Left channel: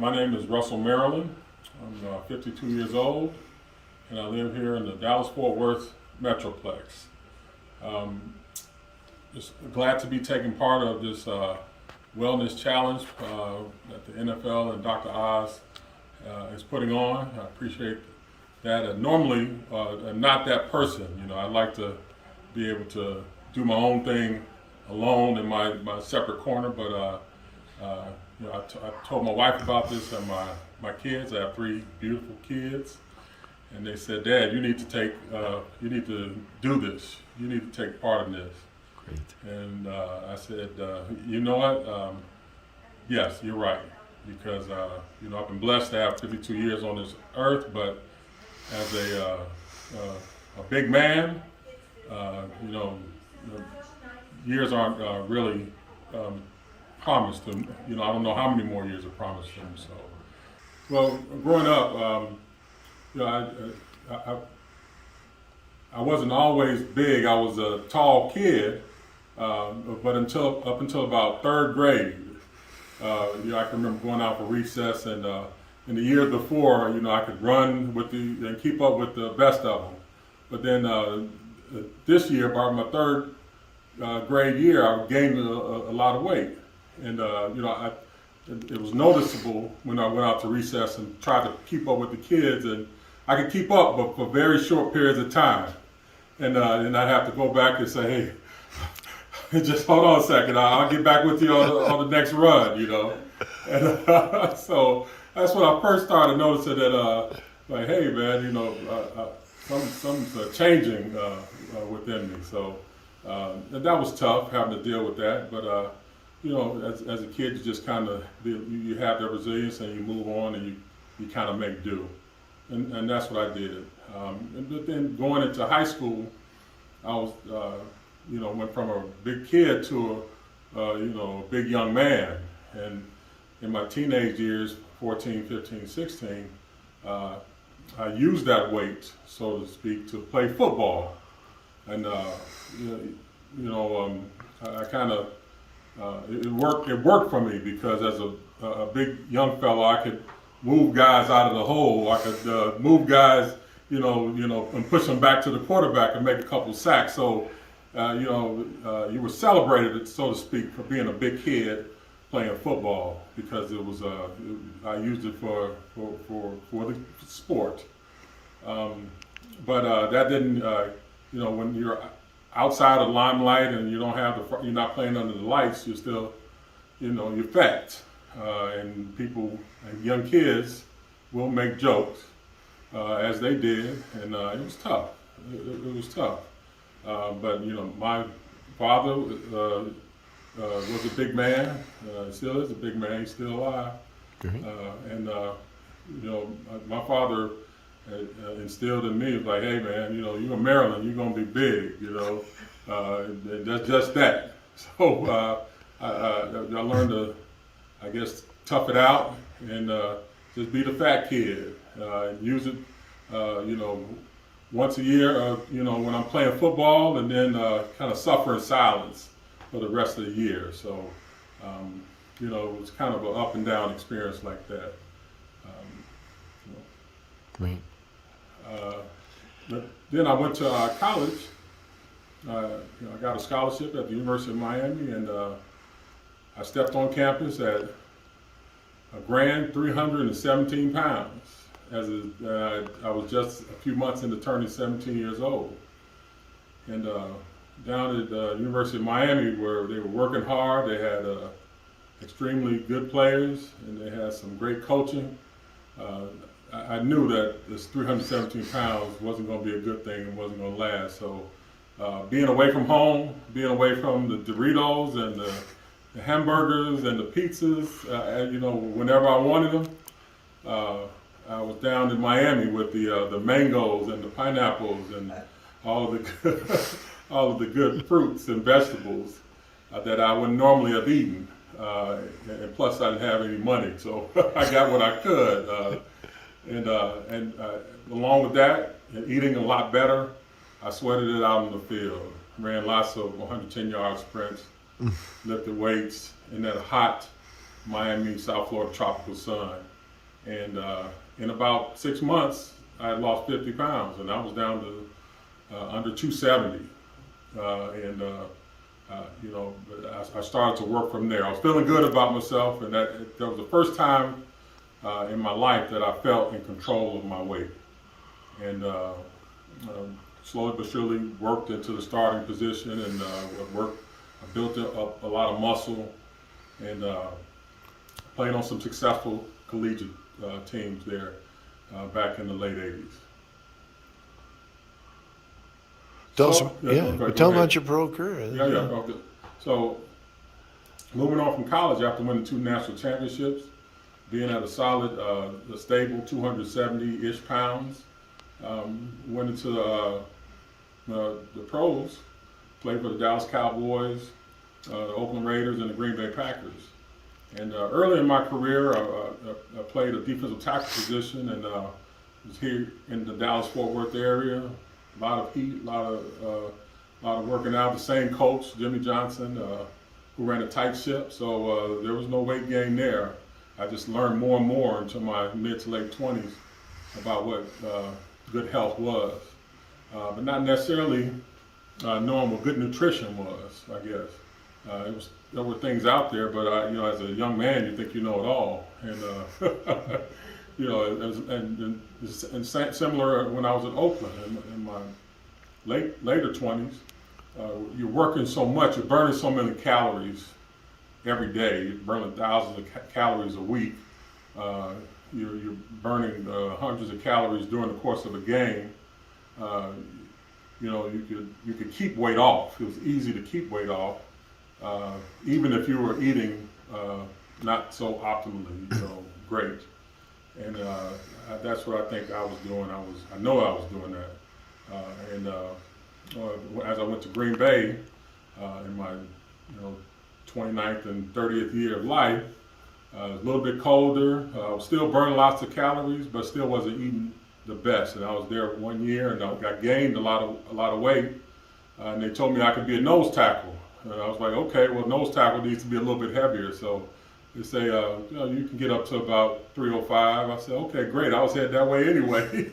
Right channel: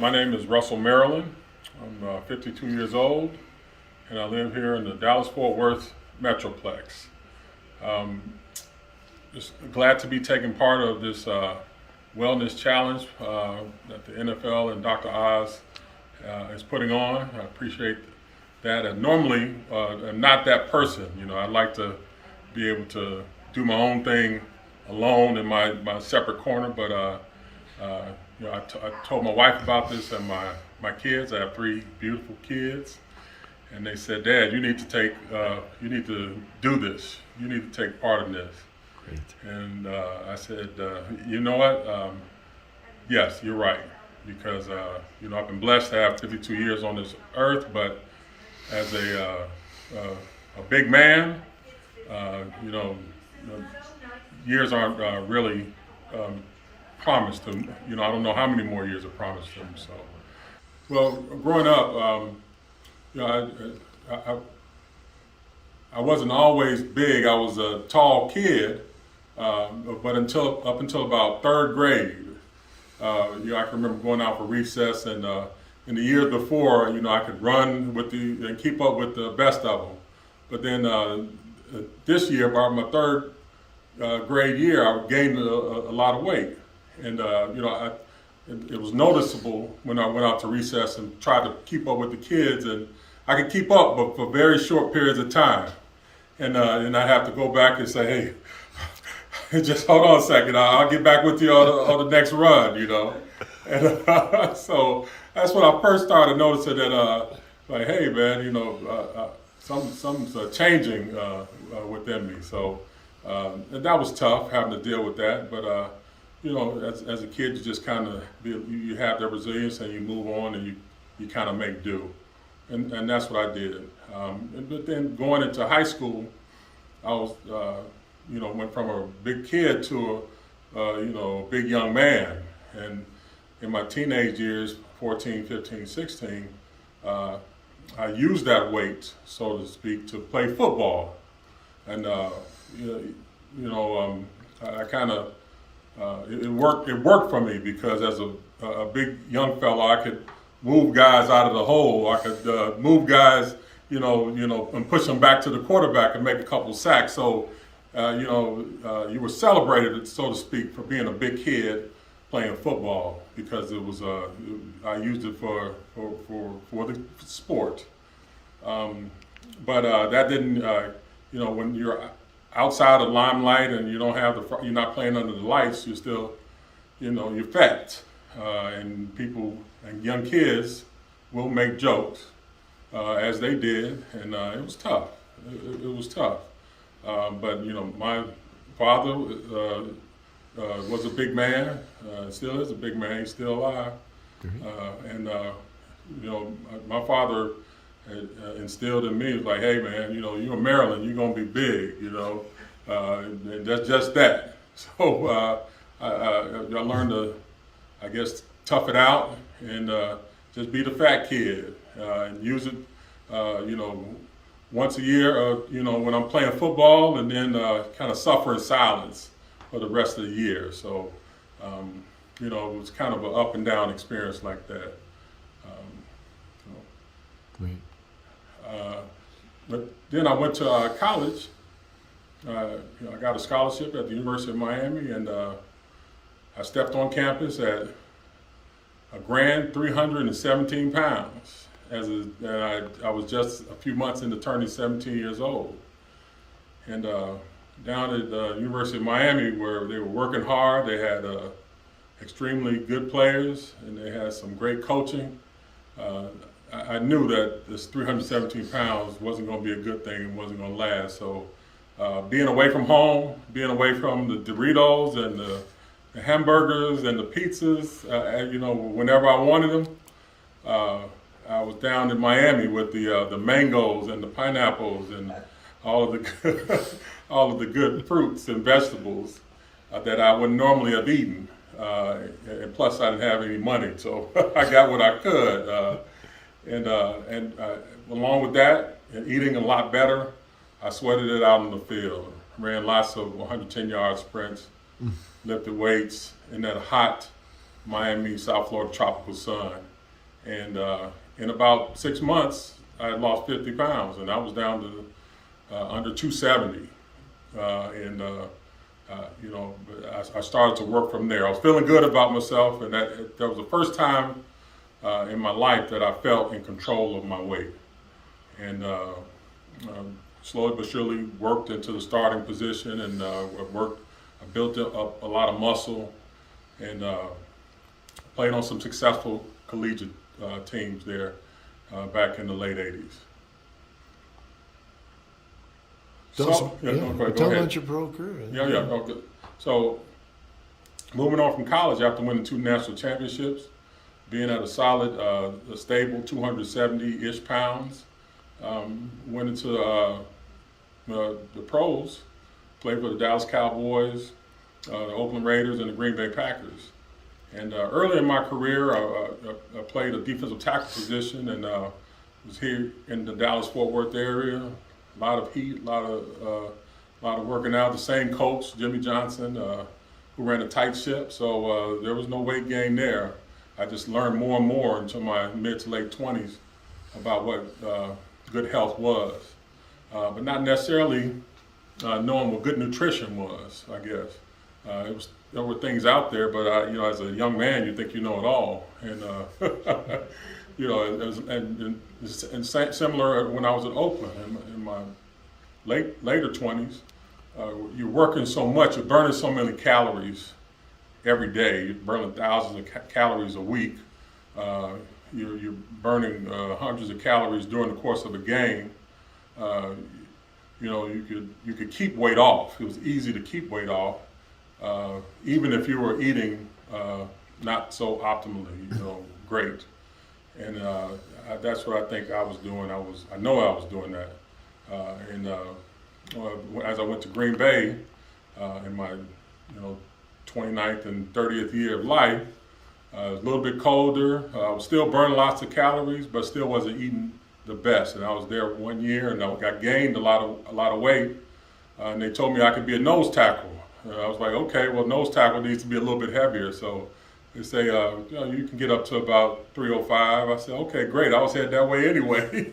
My name is Russell Maryland. I'm 52 years old, and I live here in the Dallas-Fort Worth Metroplex. Just glad to be taking part of this wellness challenge that the NFL and Dr. Oz is putting on. I appreciate that. And normally, I'm not that person. You know, I like to be able to do my own thing alone in my separate corner, but you know, I told my wife about this and my kids. I have 3 beautiful kids, and they said, "Dad, you need to do this. You need to take part in this." Great. And I said, "You know what? Yes, you're right, because you know, I've been blessed to have 52 years on this earth, but as a big man, you know, years aren't really promised them. You know, I don't know how many more years are promised them. So, well, growing up, you know, I wasn't always big. I was a tall kid, but up until about 3rd grade, you know, I can remember going out for recess, and in the years before, you know, I could run and keep up with the best of them. But then this year, about my 3rd grade year, I gained a lot of weight. And you know, it was noticeable when I went out to recess and tried to keep up with the kids, and I could keep up, but for very short periods of time. And I'd have to go back and say, "Hey, just hold on a second. I'll get back with you on the next run," you know. And so that's when I first started noticing that, like, hey, man, you know, something's changing within me. So and that was tough, having to deal with that, but. You know, as a kid, you just kind of you have that resilience, and you move on, and you kind of make do, and that's what I did. But then going into high school, I was you know, went from a big kid to you know, a big young man, and in my teenage years, 14, 15, 16, I used that weight, so to speak, to play football, and you know, I kind of. It worked for me, because as a big young fella, I could move guys out of the hole. I could move guys, you know, and push them back to the quarterback and make a couple sacks. So, you know, you were celebrated, so to speak, for being a big kid playing football, because it was I used it for the sport. But that didn't, you know, when you're outside of limelight and you're not playing under the lights, you're still, you know, you're fat, and people and young kids will make jokes, as they did, and it was tough. It was tough, but you know, my father was a big man, still is a big man. He's still alive, and you know, my father instilled in me, like, hey, man, you know, you're in Maryland, you're gonna be big, you know, that's just that. So I learned to, I guess, tough it out, and just be the fat kid, and use it, you know, once a year, you know, when I'm playing football, and then kind of suffer in silence for the rest of the year. So, you know, it was kind of an up and down experience like that. You know. Great. But then I went to college. You know, I got a scholarship at the University of Miami, and I stepped on campus at a grand 317 pounds. And I was just a few months into turning 17 years old. And down at the University of Miami, where they were working hard, they had extremely good players, and they had some great coaching. I knew that this 317 pounds wasn't going to be a good thing and wasn't going to last. So being away from home, being away from the Doritos and the hamburgers and the pizzas, you know, whenever I wanted them, I was down in Miami with the mangoes and the pineapples and all of the good fruits and vegetables that I would normally have eaten. And plus, I didn't have any money, so I got what I could. And along with that, and eating a lot better, I sweated it out in the field. Ran lots of 110-yard sprints, lifted weights in that hot, Miami, South Florida tropical sun. And in about 6 months, I had lost 50 pounds, and I was down to under 270. You know, I started to work from there. I was feeling good about myself, and that was the first time in my life that I felt in control of my weight. And slowly but surely worked into the starting position, and I built up a lot of muscle, and played on some successful collegiate teams there back in the late 80s. Tell Go about your pro career. Yeah. Okay. So, moving on from college after winning 2 national championships, being at a solid, a stable 270-ish pounds, went into the pros, played for the Dallas Cowboys, the Oakland Raiders, and the Green Bay Packers. And early in my career, I played a defensive tackle position, and was here in the Dallas-Fort Worth area. A lot of heat, a lot of working out. The same coach, Jimmy Johnson, who ran a tight ship, so there was no weight gain there. I just learned more and more until my mid to late 20s about what good health was, but not necessarily knowing what good nutrition was. I guess there were things out there, but you know, as a young man, you think you know it all, and you know, and similar when I was at Oakland in my later 20s, you're working so much, you're burning so many calories every day. You're burning thousands of calories a week. You're burning hundreds of calories during the course of a game. You know, you could keep weight off. It was easy to keep weight off, even if you were eating not so optimally, you know, great. And that's what I think I was doing. I know I was doing that. And as I went to Green Bay in my 29th and 30th year of life, a little bit colder. I was still burning lots of calories, but still wasn't eating the best. And I was there 1 year, and I gained a lot of weight. And they told me I could be a nose tackle. And I was like, okay, well, nose tackle needs to be a little bit heavier. So they say, you can get up to about 305. I said, okay, great. I was headed that way anyway.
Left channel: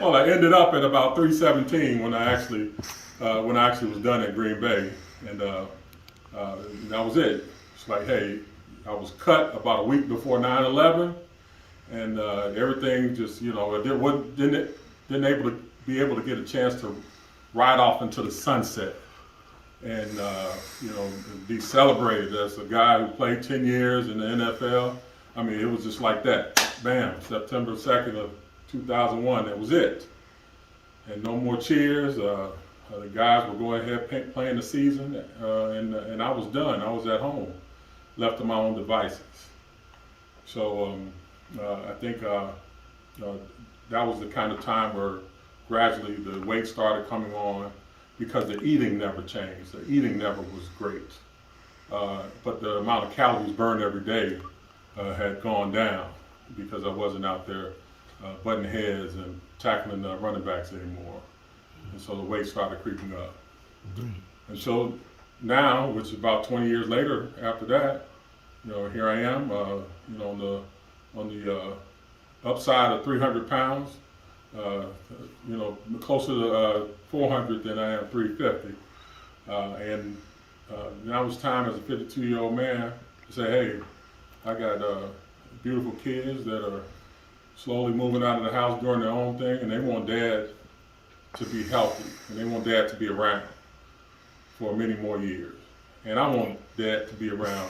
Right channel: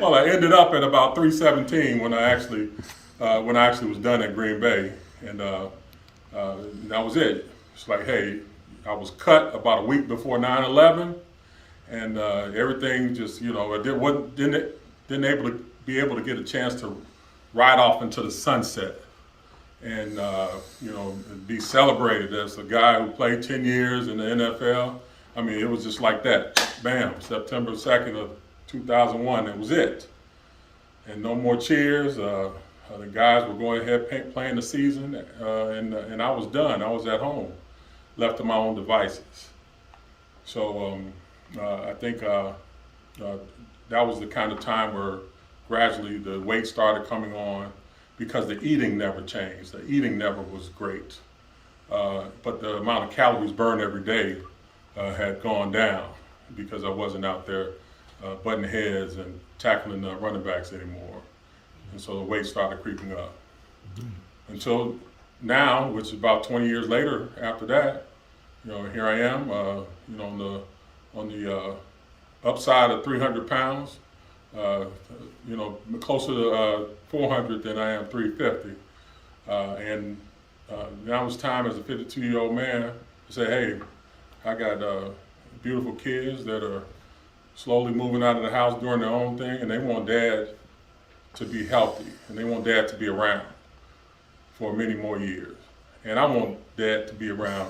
Well, I ended up at about 317 when I actually was done at Green Bay, and that was it. It's like, hey, I was cut about a week before 9/11, and everything just, you know, didn't be able to get a chance to ride off into the sunset, and you know, be celebrated as a guy who played 10 years in the NFL. I mean, it was just like that. Bam, September 2nd of 2001. That was it, and no more cheers. The guys were going ahead playing the season, and I was done. I was at home, left to my own devices. So I think that was the kind of time where gradually the weight started coming on, because the eating never changed. The eating never was great, but the amount of calories burned every day had gone down, because I wasn't out there butting heads and tackling the running backs anymore. And so the weight started creeping up. Great. And so now, which is about 20 years later after that, you know, here I am, you know, on the upside of 300 pounds, you know, closer to 400 than I am 350. And now it's time as a 52-year-old man to say, hey, I got beautiful kids that are slowly moving out of the house doing their own thing, and they want dad to be healthy, and they want dad to be around for many more years. And I want dad to be around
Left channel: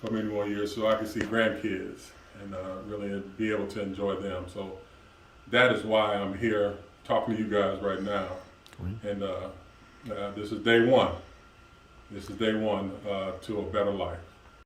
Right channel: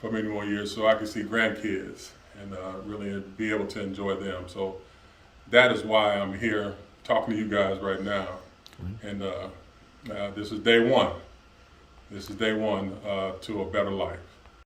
for many more years so I can see grandkids and really be able to enjoy them. So that is why I'm here talking to you guys right now. And this is day one. This is day one to a better life.